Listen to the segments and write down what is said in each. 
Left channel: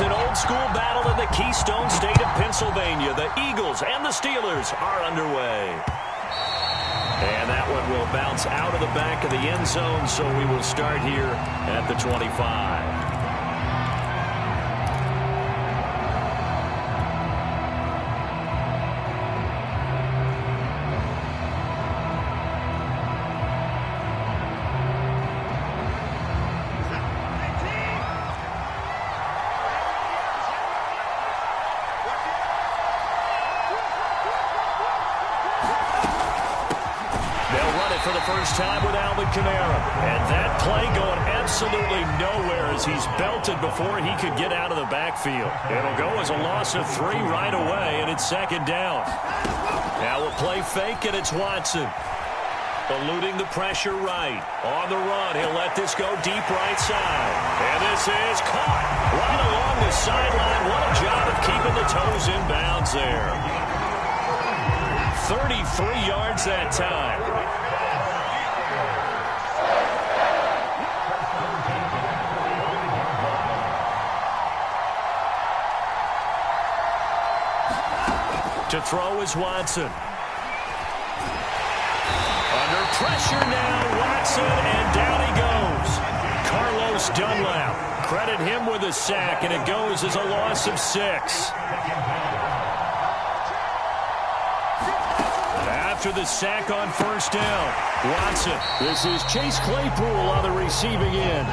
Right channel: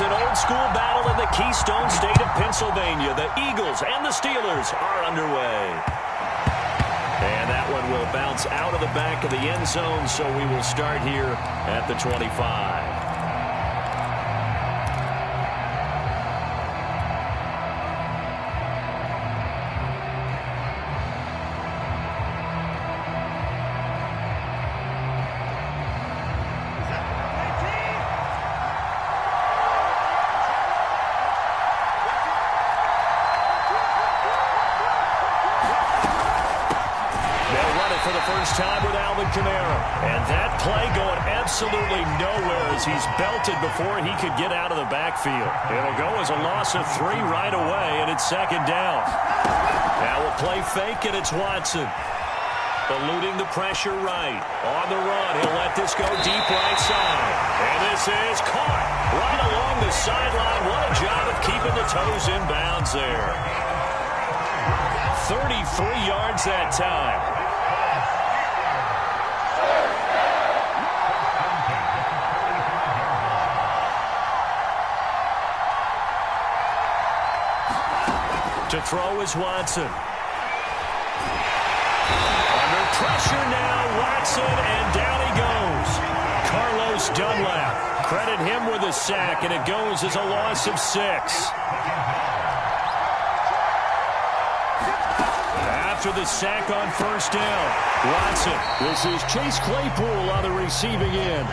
It's an old-school battle in the Keystone State of Pennsylvania. The Eagles and the Steelers are underway. And that one will bounce out of the back of the end zone, so we will start here at the 25. For the first time with Alvin Kamara. And that play going absolutely nowhere as he's belted before he could get out of the backfield. It'll go as a loss of 3 right away, and it's second down. Now a play fake, and it's Watson. Eluding the pressure right. On the run, he'll let this go deep right side. And this is caught right along the sideline. What a job of keeping the toes in bounds there. 33 yards that time. To throw is Watson. Under pressure now, Watson, and down he goes. Carlos Dunlap. Credit him with a sack, and it goes as a loss of 6. After the sack on first down, Watson. This is Chase Claypool on the receiving end.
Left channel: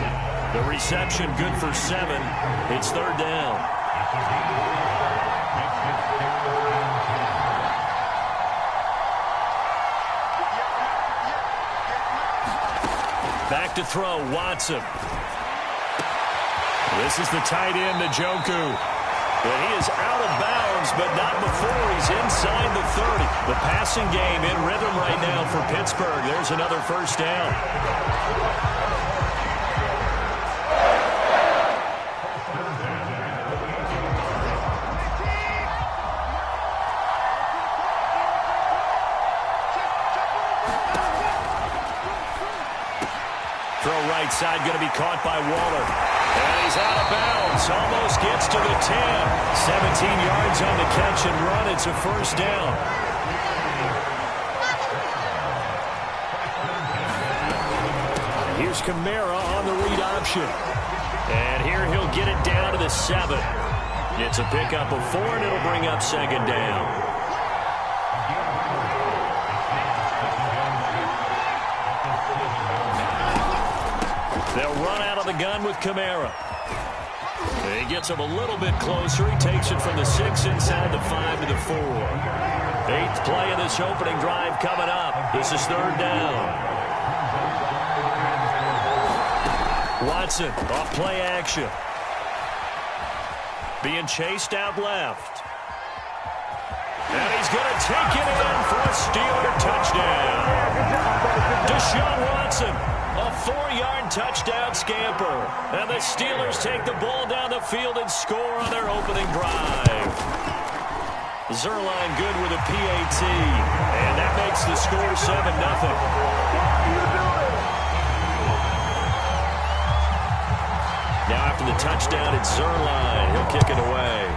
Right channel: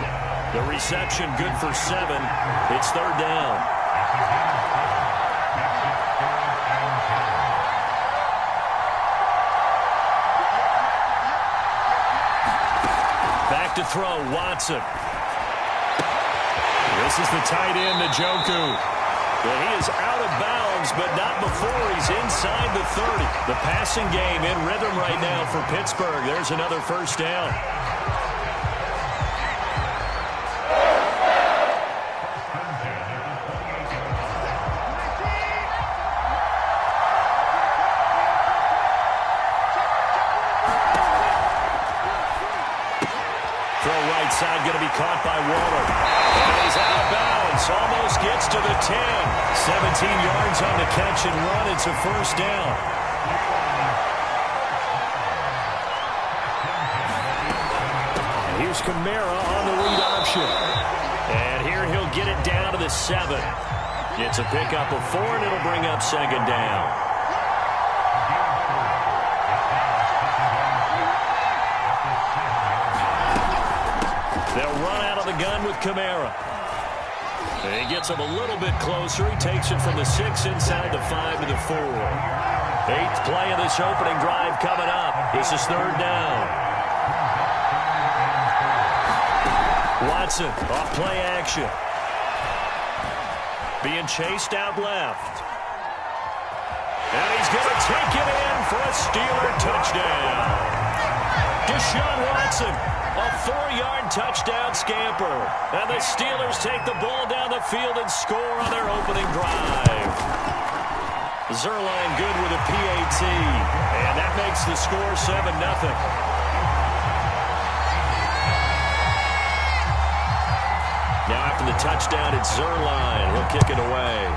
The reception good for 7. It's third down. Back to throw, Watson. This is the tight end, Njoku. And he is out of bounds, but not before he's inside the 30. The passing game in rhythm right now for Pittsburgh. There's another first down. Right side going to be caught by Waller. And he's out of bounds. Almost gets to the 10. 17 yards on the catch and run. It's a first down. And here's Kamara on the read option. And here he'll get it down to the 7. It's a pickup of 4, and it'll bring up second down. They'll run out of the gun with Kamara. He gets him a little bit closer. He takes it from the 6 inside the 5 to the 4. 8th play of this opening drive coming up. This is third down. Watson off play action. Being chased out left. And he's going to take it in for a Steeler touchdown. Deshaun Watson. A 4-yard touchdown scamper. And the Steelers take the ball down the field and score on their opening drive. Zerline good with a PAT. And that makes the score 7-0. Now after the touchdown, it's Zerline. He'll kick it away.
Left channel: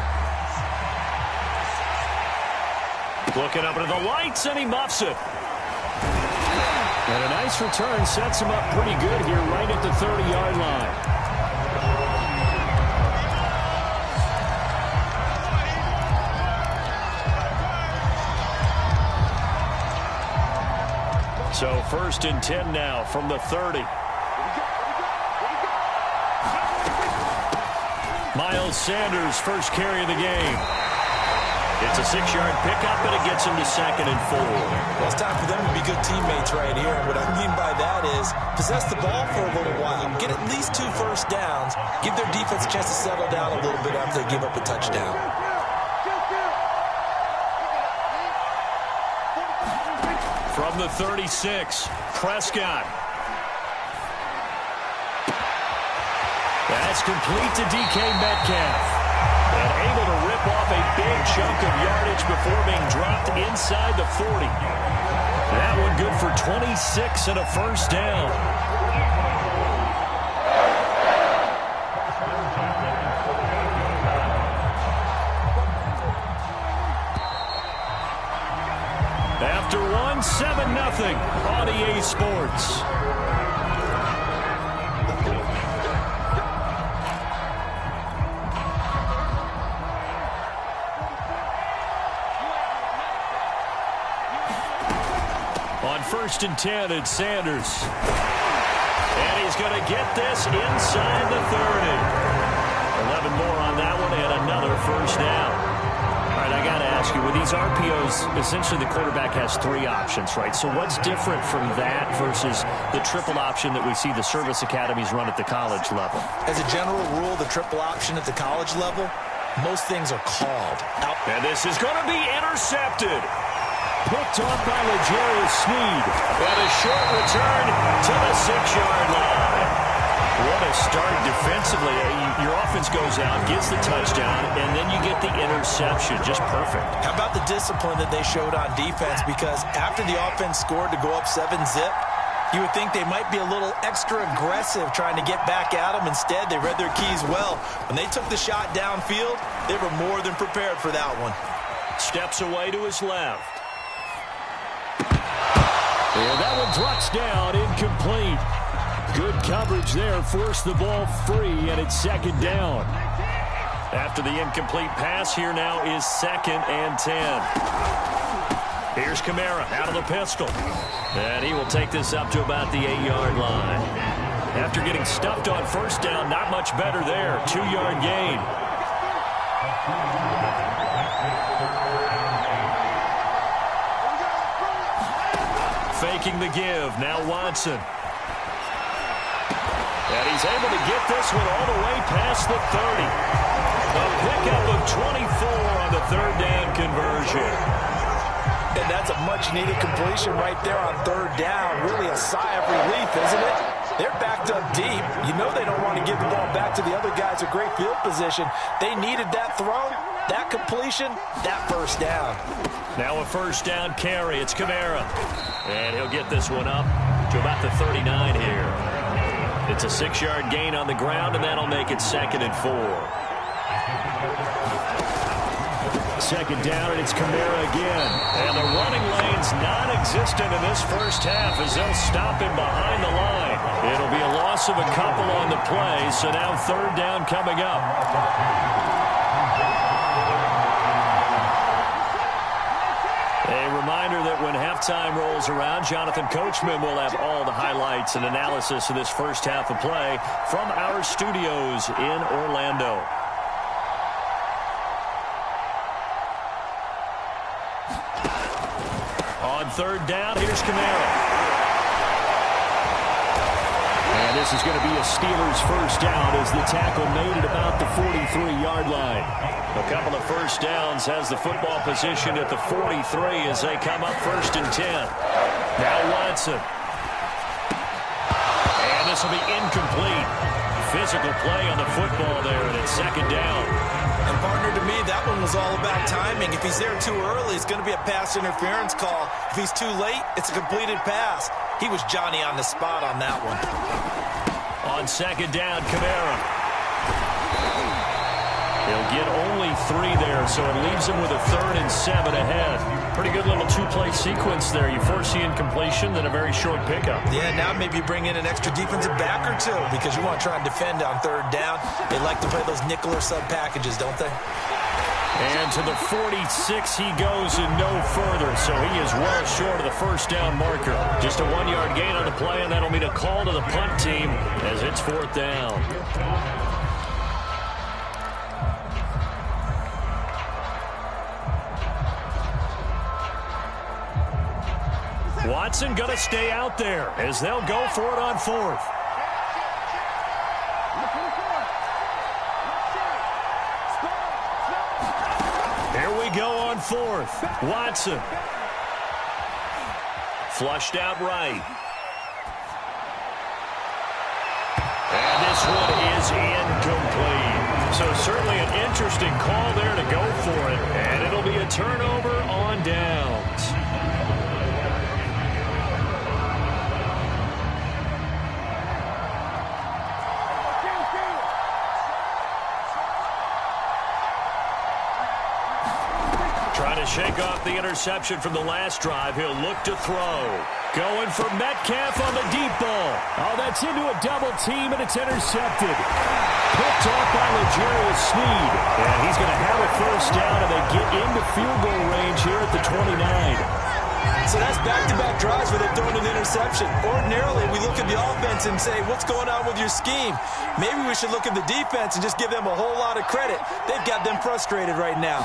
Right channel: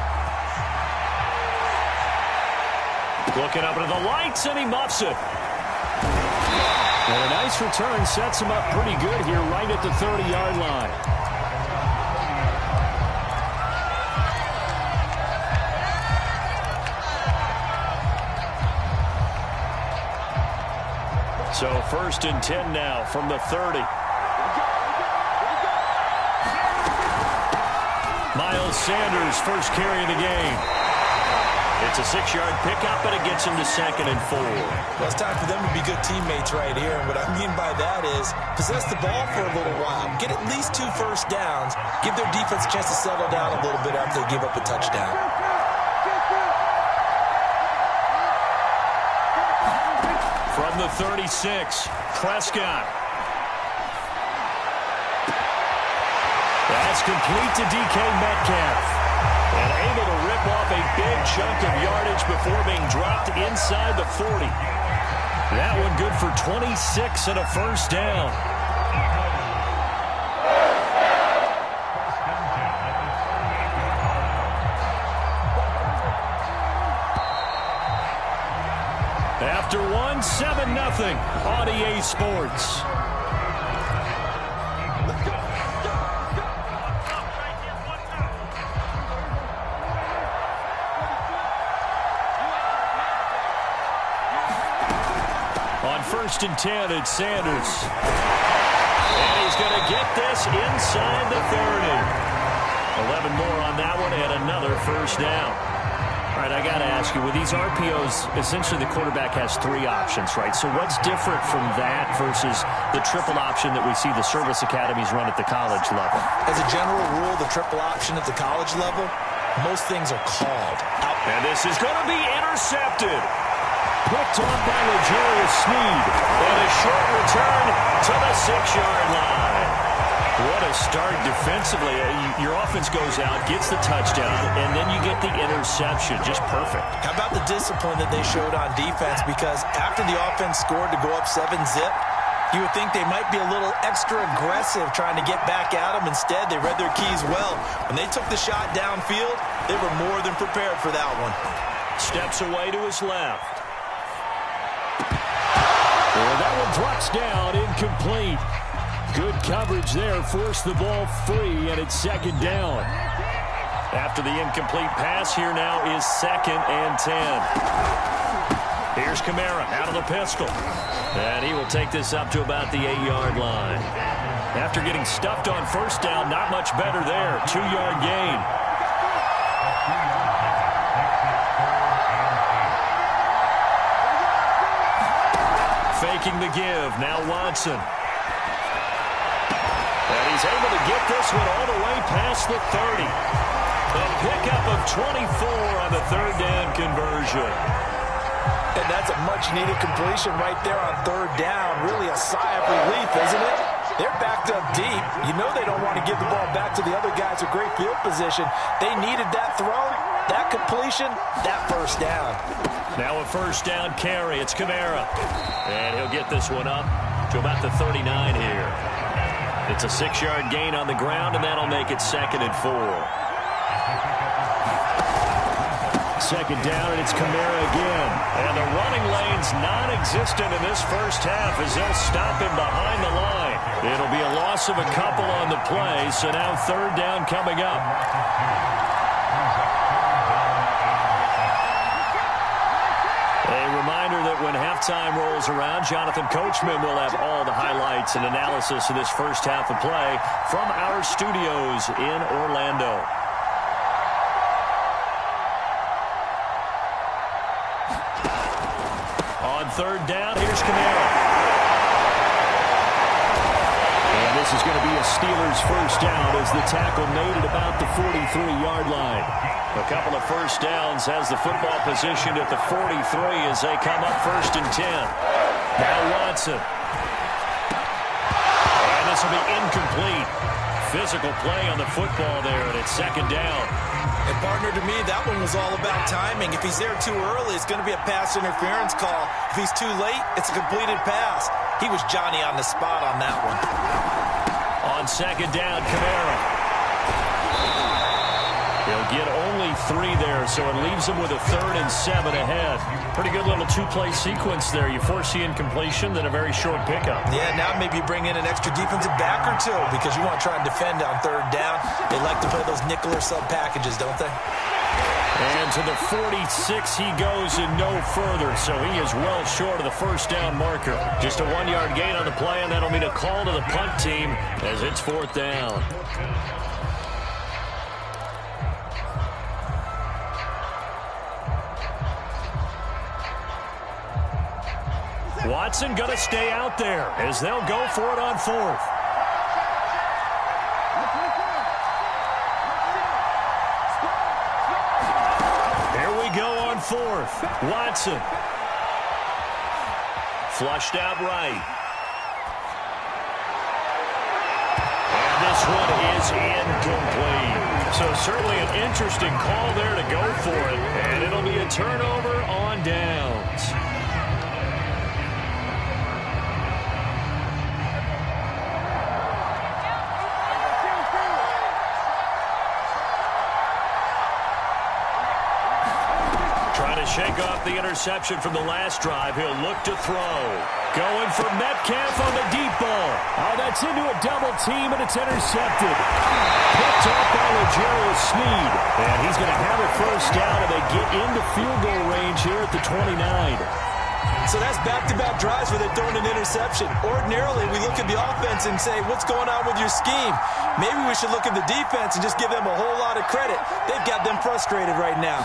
Looking up into the lights, and he muffs it. And a nice return sets him up pretty good here right at the 30-yard line. So 1st and 10 now from the 30. Miles Sanders, first carry of the game. It's a 6-yard pickup, and it gets him to 2nd and 4. Well, it's time for them to be good teammates right here. And what I mean by that is possess the ball for a little while. Get at least 2 first downs. Give their defense a chance to settle down a little bit after they give up a touchdown. From the 36, Prescott. That's complete to DK Metcalf. And able to rip off a big chunk of yardage before being dropped inside the 40. That one good for 26 and a first down. After one, 7-0 on EA Sports. On 1st and 10, it's Sanders. And he's going to get this inside the 30. 11 more on that one and another first down. All right, I got to ask you, with these RPOs, essentially the quarterback has 3 options, right? So what's different from that versus the triple option that we see the service academies run at the college level? As a general rule, the triple option at the college level, most things are called out. And this is going to be intercepted. Picked off by L'Jarius Sneed. And a short return to the 6-yard line. What a start defensively. Your offense goes out, gets the touchdown, and then you get the interception. Just perfect. How about the discipline that they showed on defense? Because after the offense scored to go up 7-zip, you would think they might be a little extra aggressive trying to get back at them. Instead, they read their keys well. When they took the shot downfield, they were more than prepared for that one. Steps away to his left. And that one drops down, incomplete. Good coverage there, forced the ball free, and it's 2nd down. After the incomplete pass, here now is 2nd and 10. Here's Kamara out of the pistol. And he will take this up to about the 8-yard line. After getting stuffed on 1st down, not much better there. 2-yard gain. Faking the give. Now Watson. And he's able to get this one all the way past the 30. A pickup of 24 on the 3rd down conversion. And that's a much-needed completion right there on 3rd down. Really a sigh of relief, isn't it? They're backed up deep. You know they don't want to give the ball back to the other guys with great field position. They needed that throw, that completion, that 1st down. Now a 1st down carry. It's Kamara. And he'll get this one up to about the 39 here. It's a 6-yard gain on the ground, and that'll make it 2nd and 4. 2nd down, and it's Kamara again. And the running lane's non-existent in this first half as they'll stop him behind the line. It'll be a loss of a couple on the play, so now 3rd down coming up. A reminder that when halftime rolls around, Jonathan Coachman will have all the highlights and analysis of this first half of play from our studios in Orlando. On 3rd down, here's Kamara. And this is going to be a Steelers 1st down as the tackle made at about the 43-yard line. A couple of 1st downs has the football positioned at the 43 as they come up 1st and 10. Now Watson. And this will be incomplete. Physical play on the football there, and it's 2nd down. And, partner, to me, that one was all about timing. If he's there too early, it's going to be a pass interference call. If he's too late, it's a completed pass. He was Johnny on the spot on that one. On 2nd down, Kamara. He'll get only 3 there, so it leaves him with a 3rd and 7 ahead. Pretty good little 2-play sequence there. You force the incompletion, then a very short pickup. Yeah, now maybe you bring in an extra defensive back or 2 because you want to try and defend on 3rd down. They like to play those nickel or sub packages, don't they? And to the 46 he goes and no further, so he is well short of the 1st down marker. Just a 1-yard gain on the play, and that'll mean a call to the punt team as it's 4th down. Watson going to stay out there as they'll go for it on 4th. Here we go on 4th. Watson. Flushed out right. And this one is incomplete. So certainly an interesting call there to go for it. And it'll be a turnover on downs. to shake off the interception from the last drive, he'll look to throw. Going for Metcalf on the deep ball. Oh, that's into a double team, and it's intercepted. Picked off by L'Jarius Sneed. And he's going to have a first down, and they get into field goal range here at the 29. So that's back-to-back drives where they're throwing an interception. Ordinarily, we look at the offense and say, what's going on with your scheme? Maybe we should look at the defense and just give them a whole lot of credit. They've got them frustrated right now.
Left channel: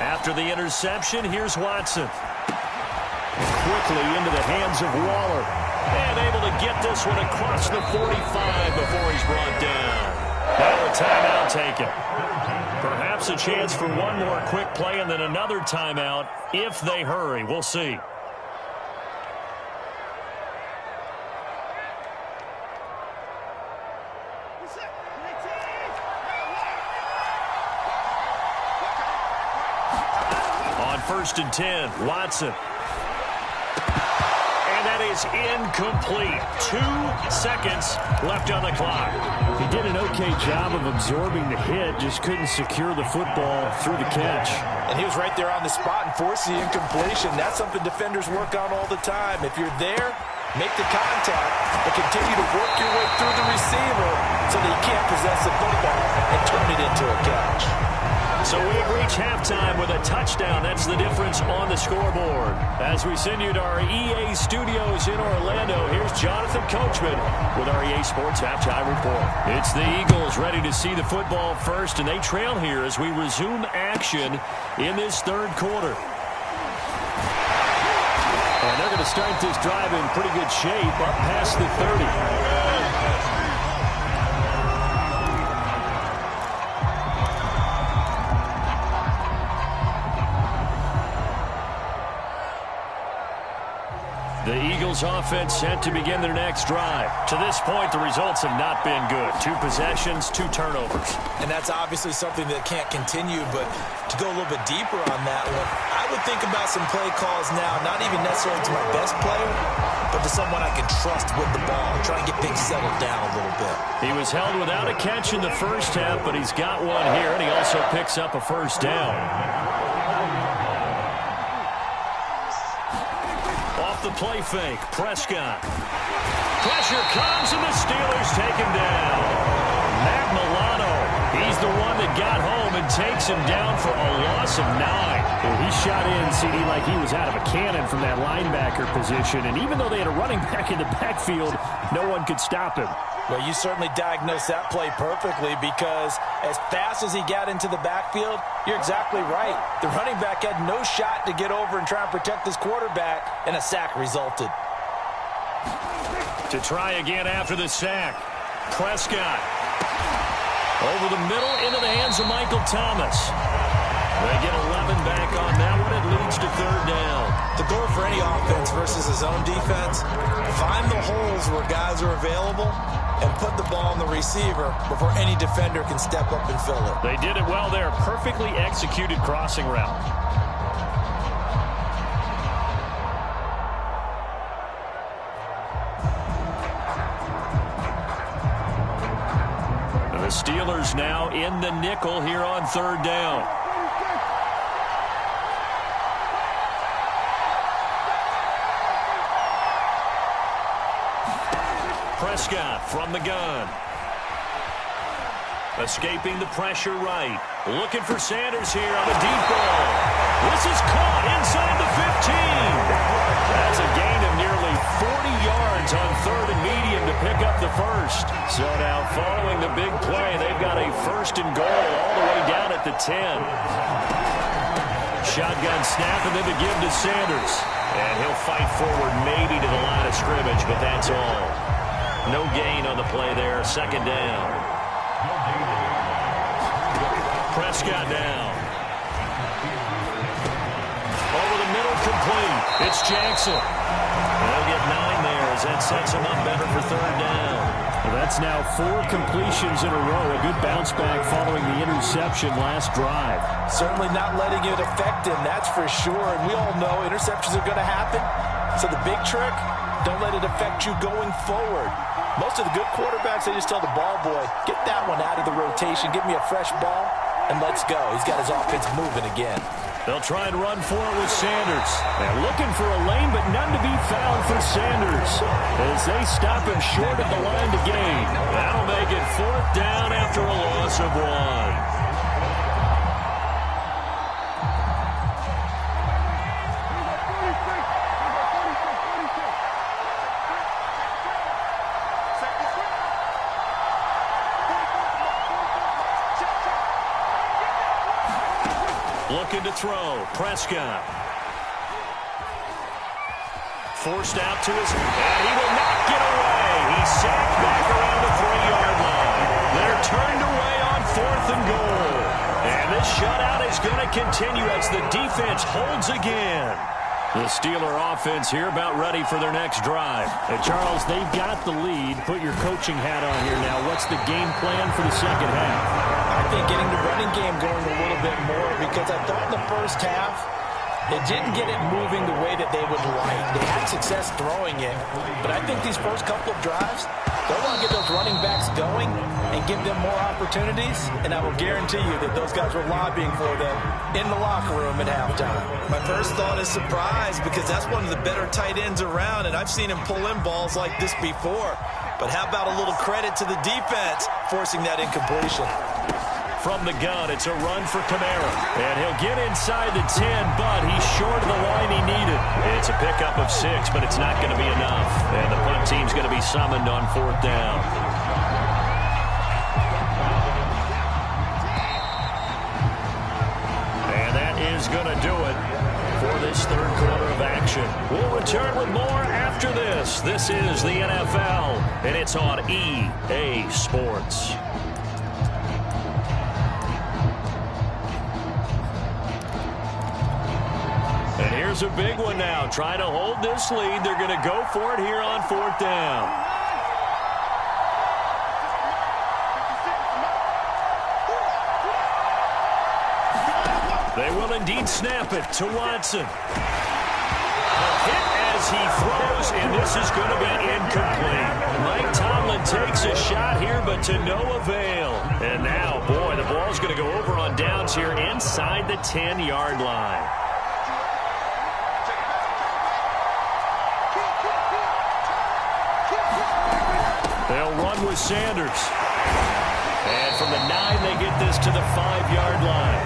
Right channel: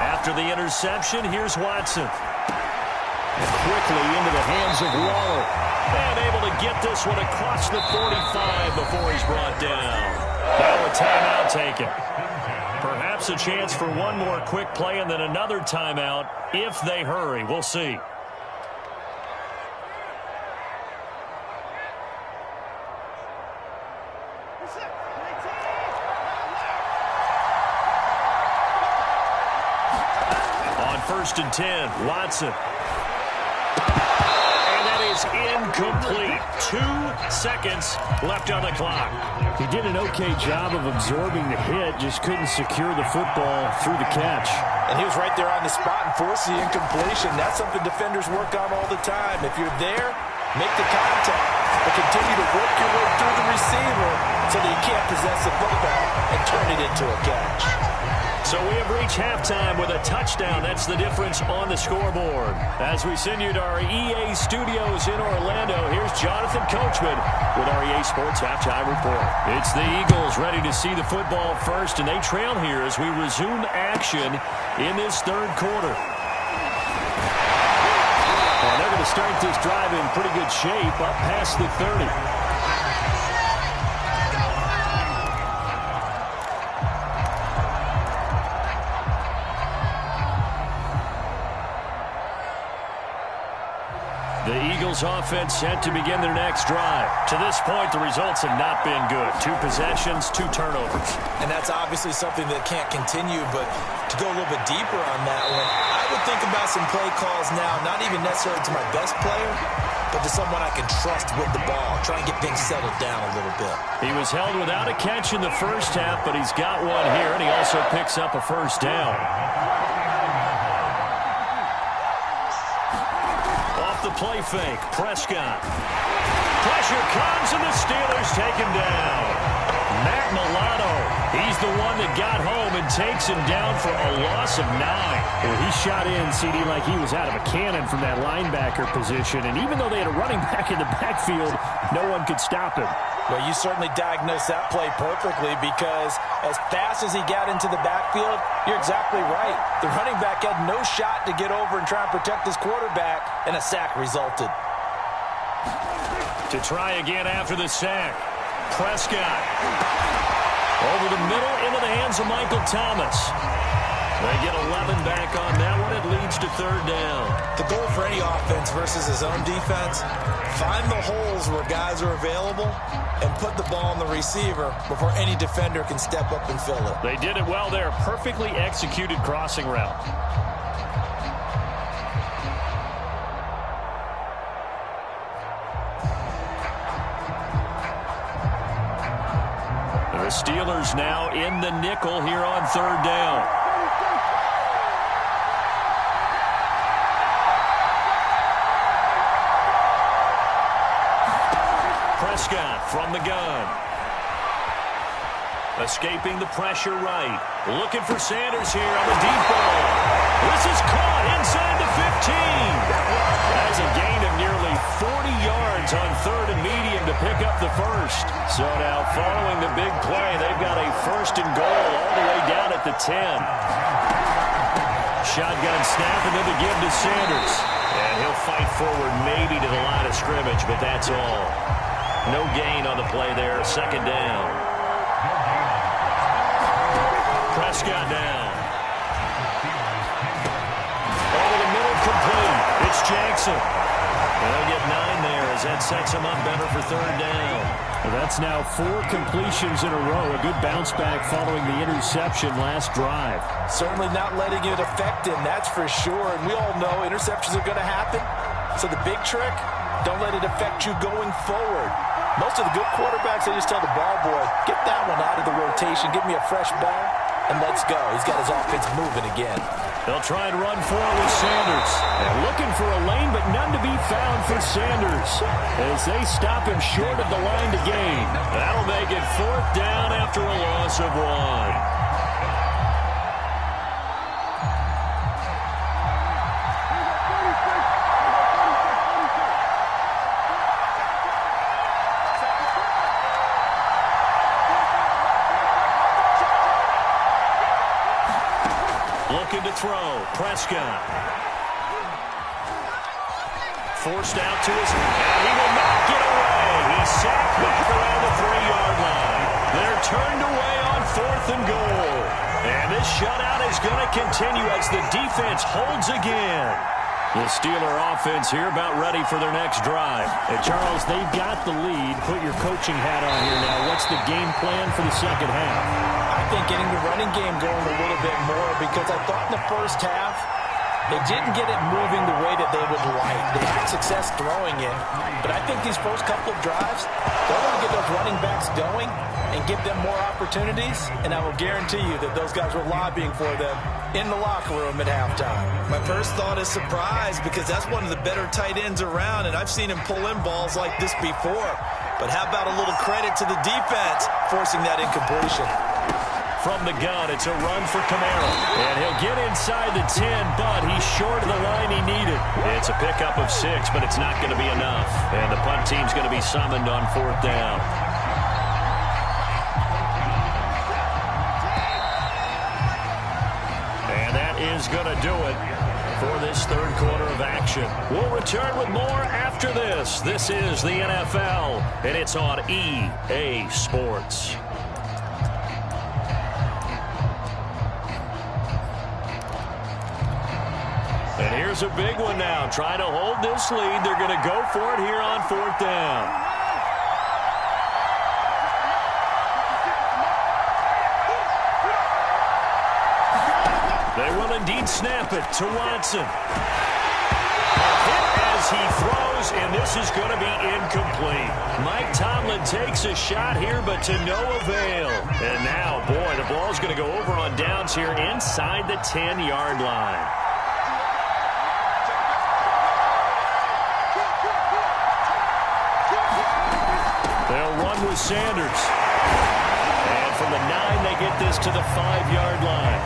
After the interception, here's Watson. And quickly into the hands of Waller. And able to get this one across the 45 before he's brought down. Now a timeout taken. Perhaps a chance for one more quick play and then another timeout if they hurry. We'll see. On 1st and 10, Watson. And that is incomplete. 2 seconds left on the clock. He did an okay job of absorbing the hit, just couldn't secure the football through the catch. And he was right there on the spot and forced the incompletion. That's something defenders work on all the time. If you're there, make the contact, but continue to work your way through the receiver so that you can't possess the football and turn it into a catch. So we have reached halftime with a touchdown. That's the difference on the scoreboard. As we send you to our EA studios in Orlando, here's Jonathan Coachman with our EA Sports Halftime Report. It's the Eagles ready to see the football first, and they trail here as we resume action in this third quarter. And they're going to start this drive in pretty good shape up past the 30. The Eagles offense set to begin their next drive. To this point, the results have not been good. 2 possessions, 2 turnovers. And that's obviously something that can't continue, but to go a little bit deeper on that one, I would think about some play calls now, not even necessarily to my best player, but to someone I can trust with the ball, try and get things settled down a little bit. He was held without a catch in the first half, but he's got one here, and he also picks up a first down. Off the play fake, Prescott. Pressure comes, and the Steelers take him down. Matt Milano, he's the one that got home and takes him down for a loss of 9. Well, he shot in, CD, like he was out of a cannon from that linebacker position. And even though they had a running back in the backfield, no one could stop him. Well, you certainly diagnosed that play perfectly because as fast as he got into the backfield, you're exactly right. The running back had no shot to get over and try and protect his quarterback, and a sack resulted. To try again after the sack, Prescott. Over the middle into the hands of Michael Thomas. They get 11 back on that one. It leads to 3rd down. The goal for any offense versus his own defense, find the holes where guys are available and put the ball on the receiver before any defender can step up and fill it. They did it well there. Perfectly executed crossing route. The Steelers now in the nickel here on 3rd down. Prescott from the gun. Escaping the pressure right. Looking for Sanders here on the deep ball. This is caught inside the 15. That's a gain of nearly 40 yards on 3rd and medium to pick up the first. So now following the big play, they've got a 1st and goal all the way down at the 10. Shotgun snap and then to give to Sanders. And he'll fight forward maybe to the line of scrimmage, but that's all. No gain on the play there. 2nd down. Prescott down. Over the middle, complete. It's Jackson. And they'll get 9 there as that sets him up better for 3rd down. Well, that's now 4 completions in a row. A good bounce back following the interception last drive. Certainly not letting it affect him, that's for sure. And we all know interceptions are going to happen. So the big trick, don't let it affect you going forward. Most of the good quarterbacks, they just tell the ball boy, get that one out of the rotation, give me a fresh ball, and let's go. He's got his offense moving again. They'll try and run for it with Sanders. And looking for a lane, but none to be found for Sanders as they stop him short of the line to gain. That'll make it 4th down after a loss of 1. Looking to throw. Prescott. Forced out to his... And he will not get away. He's sacked back around the 3-yard line. They're turned away on 4th and goal. And this shutout is going to continue as the defense holds again. The Steeler offense here about ready for their next drive. And Charles, they've got the lead. Put your coaching hat on here now. What's the game plan for the second half? I think getting the running game going a little bit more, because I thought in the first half they didn't get it moving the way that they would like. They had success throwing it, but I think these first couple of drives, they'll want to get those running backs going and give them more opportunities, and I will guarantee you that those guys were lobbying for them in the locker room at halftime. My first thought is surprise, because that's one of the better tight ends around, and I've seen him pull in balls like this before. But how about a little credit to the defense forcing that incompletion? From the gun, it's a run for Kamara. And he'll get inside the 10, but he's short of the line he needed. It's a pickup of 6, but it's not going to be enough. And the punt team's going to be summoned on 4th down. And that is going to do it for this 3rd quarter of action. We'll return with more after this. This is the NFL, and it's on EA Sports. And here's a big one now. Trying to hold this lead. They're going to go for it here on 4th down. They will indeed snap it to Watson. A hit as he throws, and this is going to be incomplete. Mike Tomlin takes a shot here, but to no avail. And now, boy, the ball's going to go over on downs here inside the 10-yard line. They'll run with Sanders. And from the 9, they get this to the 5-yard line.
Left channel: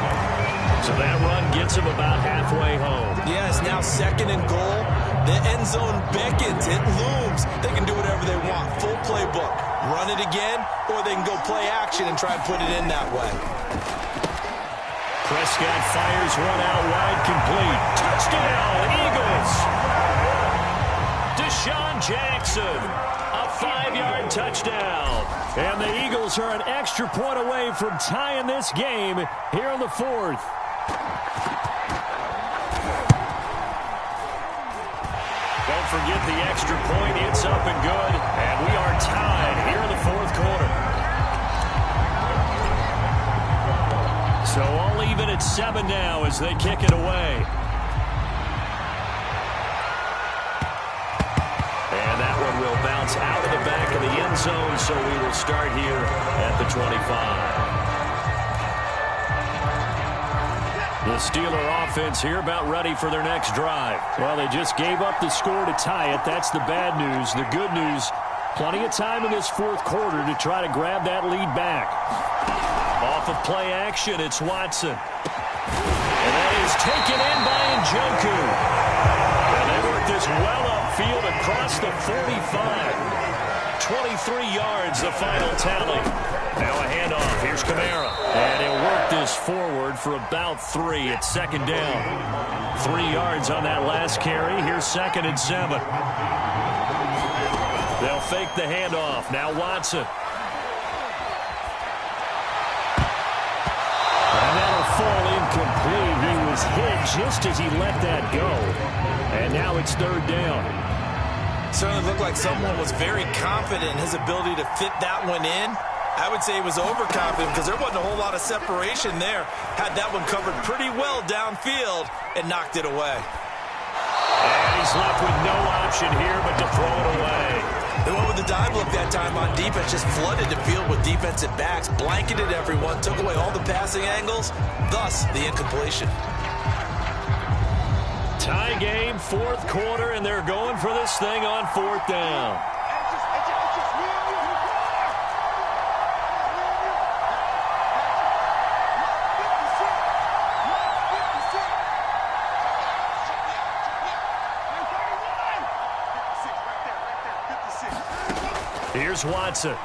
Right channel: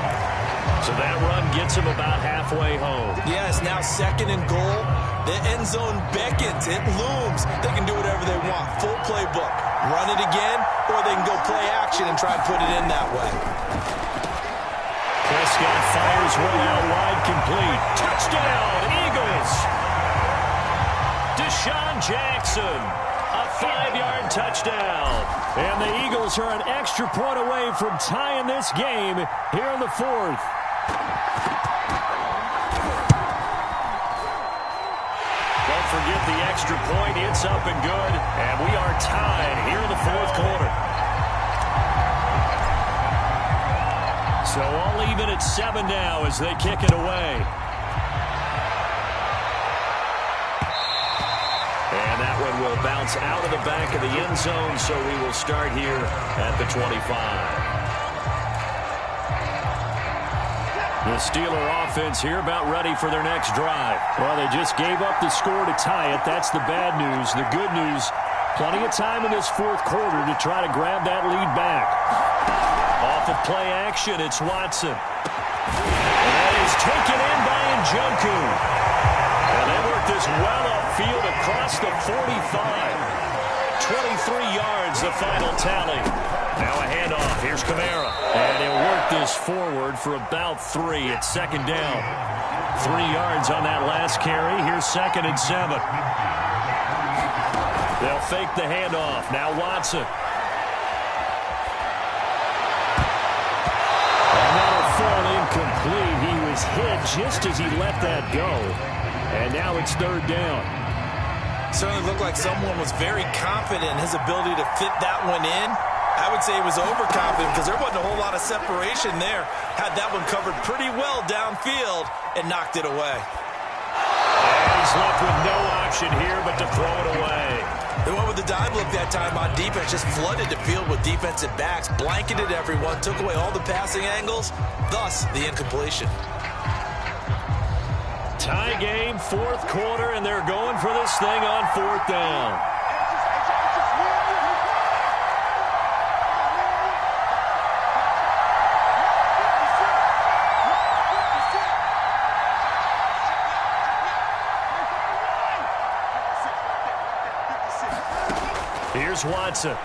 So that run gets him about halfway home. Yeah, it's now 2nd and goal. The end zone beckons. It looms. They can do whatever they want. Full playbook. Run it again, or they can go play action and try and put it in that way. Prescott fires one out wide, complete. Touchdown, Eagles. Deshaun Jackson. A 5-yard touchdown. And the Eagles are an extra point away from tying this game here in the 4th. Don't forget the extra point. It's up and good. And we are tied here in the 4th quarter. So all even at 7 now as they kick it away. And that one will bounce out of the back of the end zone, so we will start here at the 25. The Steeler offense here about ready for their next drive. Well, they just gave up the score to tie it. That's the bad news. The good news, plenty of time in this 4th quarter to try to grab that lead back. Off of play action, it's Watson. And that is taken in by Njoku. And they work this well upfield across the 45. 23 yards, the final tally. Now a handoff. Here's Kamara. And he'll work this forward for about 3. It's 2nd down. 3 yards on that last carry. Here's 2nd and 7. They'll fake the handoff. Now Watson. And that'll fall incomplete. He was hit just as he let that go. And now it's 3rd down. Certainly looked like someone was very confident in his ability to fit that one in. I would say he was overconfident because there wasn't a whole lot of separation there. Had that one covered pretty well downfield and knocked it away. And he's He's left with no option here but to throw it away. They went with the dime look that time on defense, just flooded the field with defensive backs, blanketed everyone, took away all the passing angles, thus the incompletion. Tie game, fourth quarter, and they're going for this thing on fourth down. Here's Watson. And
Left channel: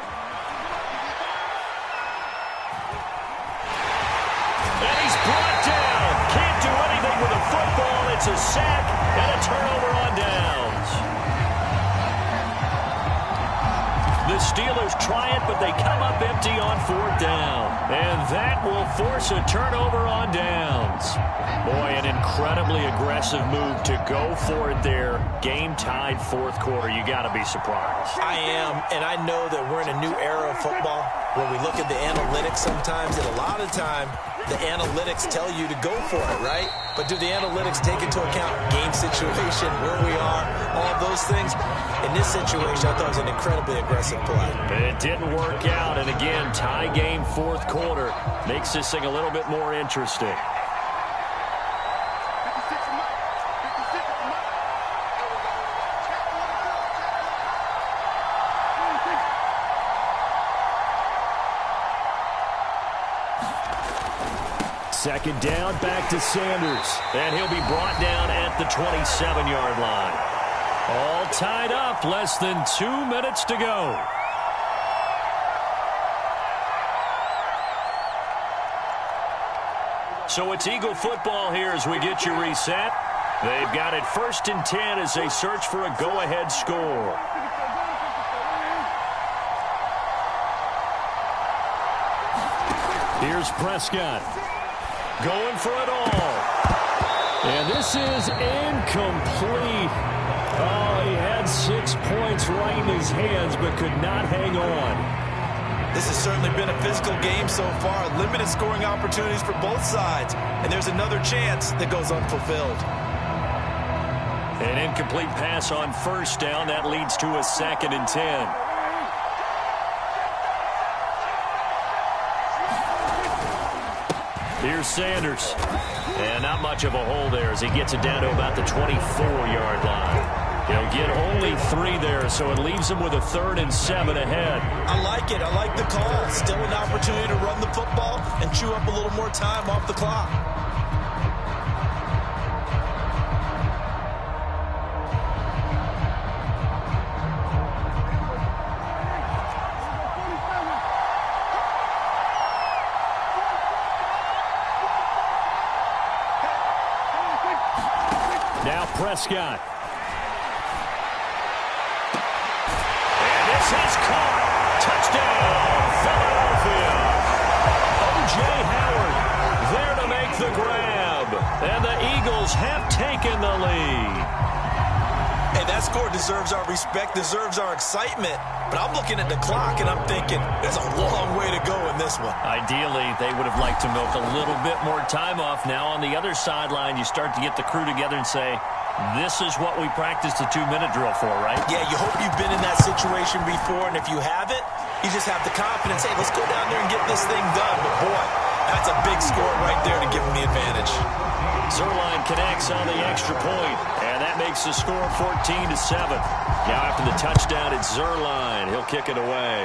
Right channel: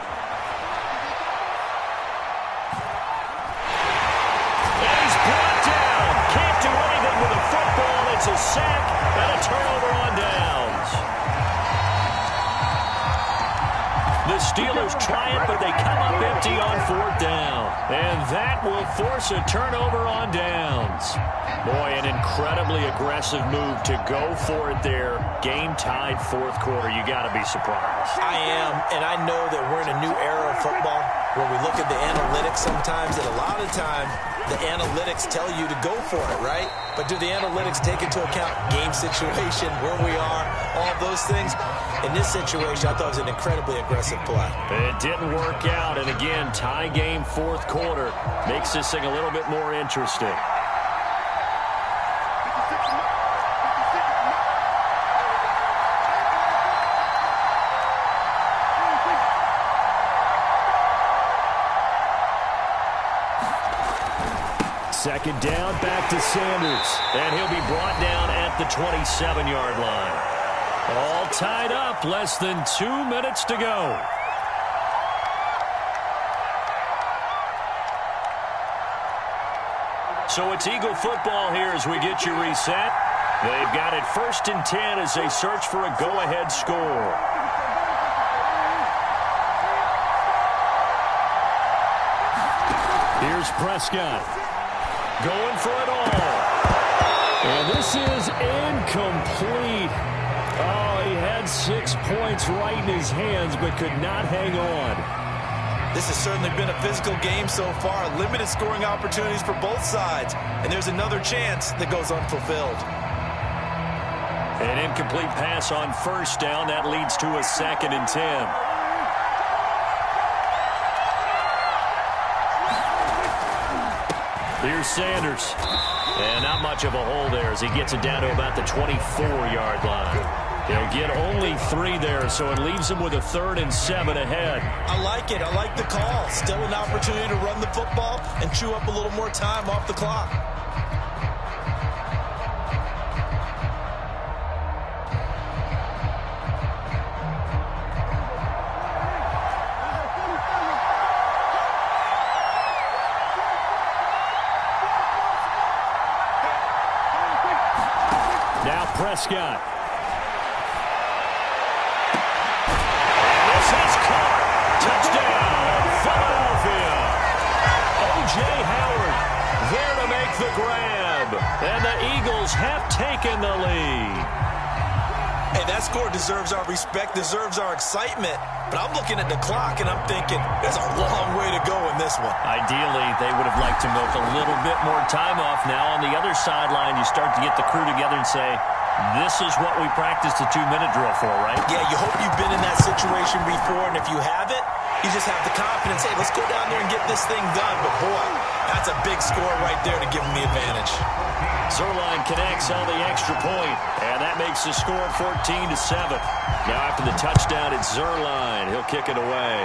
he's brought down. Can't do anything with a football. It's a sack and a turnover on downs. The Steelers try it, but they come up empty on fourth down. And that will force a turnover on downs. Boy, an incredibly aggressive move to go for it there. Game tied fourth quarter. You got to be surprised. I am, and I know that we're in a new era of football where we look at the analytics sometimes, and a lot of time the analytics tell you to go for it, right? But do the analytics take into account game situation, where we are, all those things? In this situation, I thought it was an incredibly aggressive play. It didn't work out, and again, tie game fourth quarter makes this thing a little bit more interesting. Second down, back to Sanders. And he'll be brought down at the 27-yard line. All tied up, less than 2 minutes to go. So it's Eagle football here as we get you reset. They've got it 1st and 10 as they search for a go-ahead score. Here's Prescott. Going for it all. And this is incomplete. Oh, he had 6 points right in his hands, but could not hang on. This has certainly been a physical game so far. Limited scoring opportunities for both sides. And there's another chance that goes unfulfilled. An incomplete pass on first down. That leads to a 2nd and 10. Here's Sanders. And not much of a hole there as he gets it down to about the 24-yard line. He'll get only 3 there, so it leaves him with a 3rd and 7 ahead. I like it. I like the call. Still an opportunity to run the football and chew up a little more time off the clock. Now Prescott. And this is caught. Touchdown, Philadelphia. O.J. Howard there to make the grab. And the Eagles have taken the lead. Hey, that score deserves our respect, deserves our excitement. But I'm looking at the clock, and I'm thinking there's a long way to go in this one. Ideally, they would have liked to milk a little bit more time off. Now on the other sideline, you start to get the crew together and say, this is what we practiced the 2-minute drill for, right? Yeah, you hope you've been in that situation before, and if you haven't, you just have the confidence, hey, let's go down there and get this thing done. But, boy, that's a big score right there to give them the advantage. Zuerlein connects on the extra point, and that makes the score 14-7. Now after the touchdown, it's Zuerlein. He'll kick it away.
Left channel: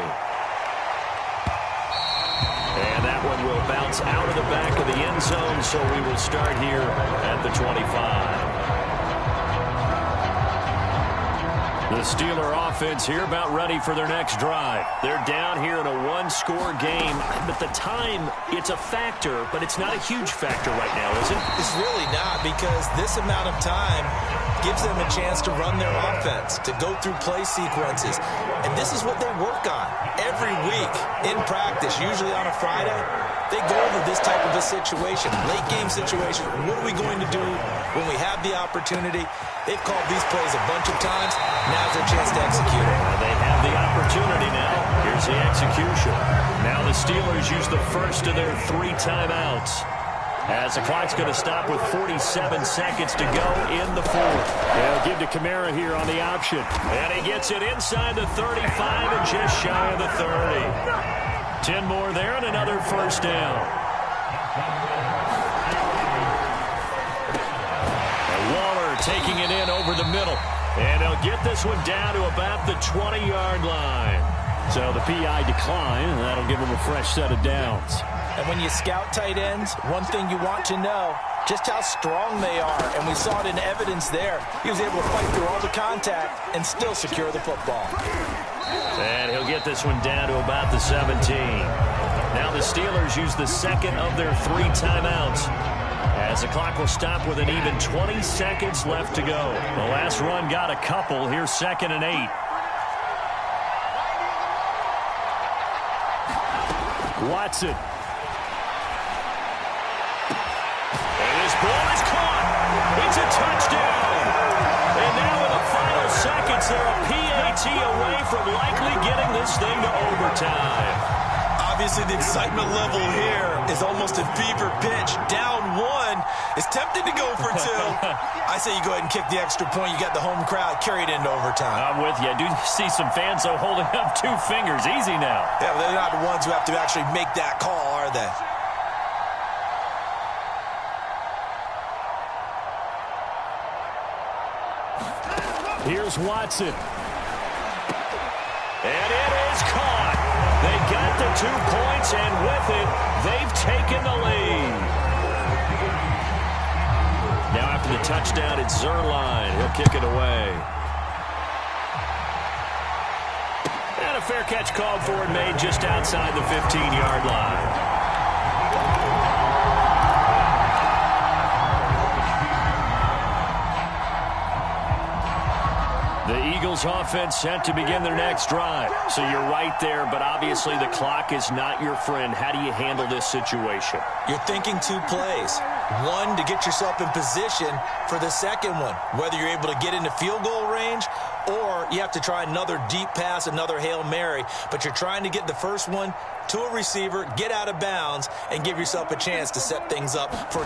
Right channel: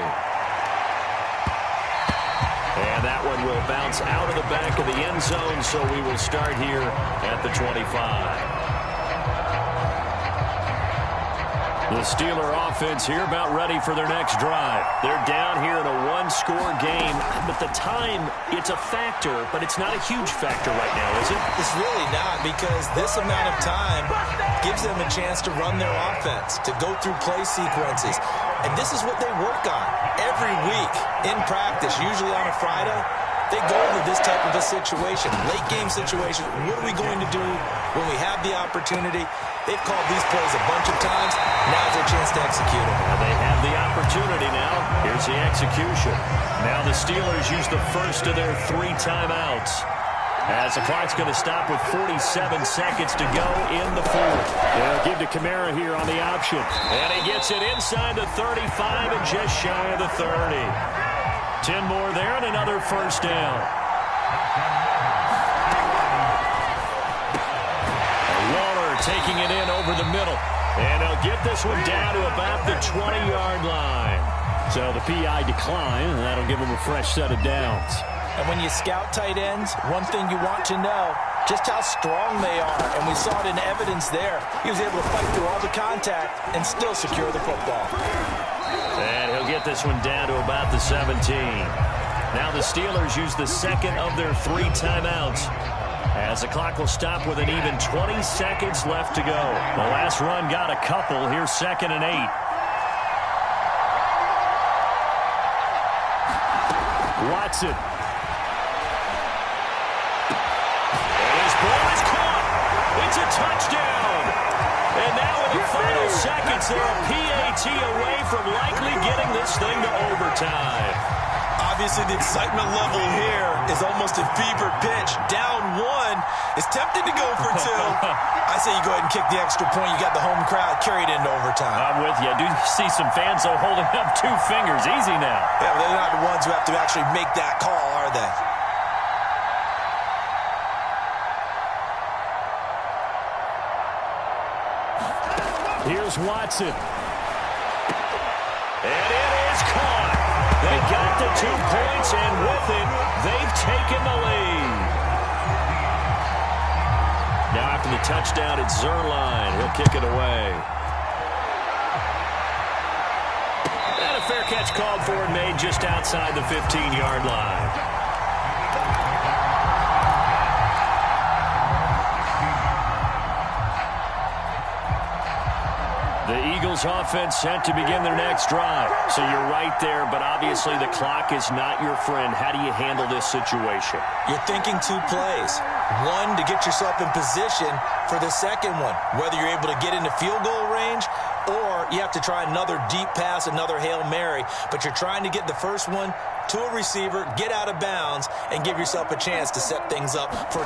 And that one will bounce out of the back of the end zone, so we will start here at the 25. The Steeler offense here about ready for their next drive. They're down here in a 1-score game, but the time, it's a factor, but it's not a huge factor right now, is it? It's really not, because this amount of time gives them a chance to run their offense, to go through play sequences. And this is what they work on every week in practice, usually on a Friday. They go over this type of a situation, late game situation. What are we going to do when we have the opportunity? They've called these plays a bunch of times. Now's their chance to execute it. Well, they have the opportunity now. Here's the execution. Now the Steelers use the first of their 3 timeouts. As the clock's going to stop with 47 seconds to go in the fourth. They'll give to Kamara here on the option. And he gets it inside the 35 and just shy of the 30. 10 more there and another first down. Waller taking it in over the middle. And he'll get this one down to about the 20-yard line. So the PI decline, and that'll give him a fresh set of downs. And when you scout tight ends, one thing you want to know, just how strong they are. And we saw it in evidence there. He was able to fight through all the contact and still secure the football. And he'll get this one down to about the 17. Now the Steelers use the second of their 3 timeouts, as the clock will stop with an even 20 seconds left to go. The last run got a couple. Here's 2nd and 8. Watson. And his ball is caught. It's a touchdown. And now in the final seconds, they're a PAT away from likely getting this thing to overtime. Obviously, the excitement level here is almost a fever pitch. Down 1. It's tempting to go for 2. I say you go ahead and kick the extra point. You got the home crowd carried into overtime. I'm with you. I do see some fans, though, holding up 2 fingers. Easy now. Yeah, but they're not the ones who have to actually make that call, are they? Here's Watson. And it is caught. They got the 2 points, and with it, they've taken the lead. Now after the touchdown, it's Zerline. He'll kick it away. And a fair catch called for and made just outside the 15-yard line. The Eagles offense set to begin their next drive. So you're right there, but obviously the clock is not your friend. How do you handle this situation? You're thinking 2 plays. One, to get yourself in position for the second one, whether you're able to get into field goal range or you have to try another deep pass, another Hail Mary. But you're trying to get the first one to a receiver, get out of bounds, and give yourself a chance to set things up for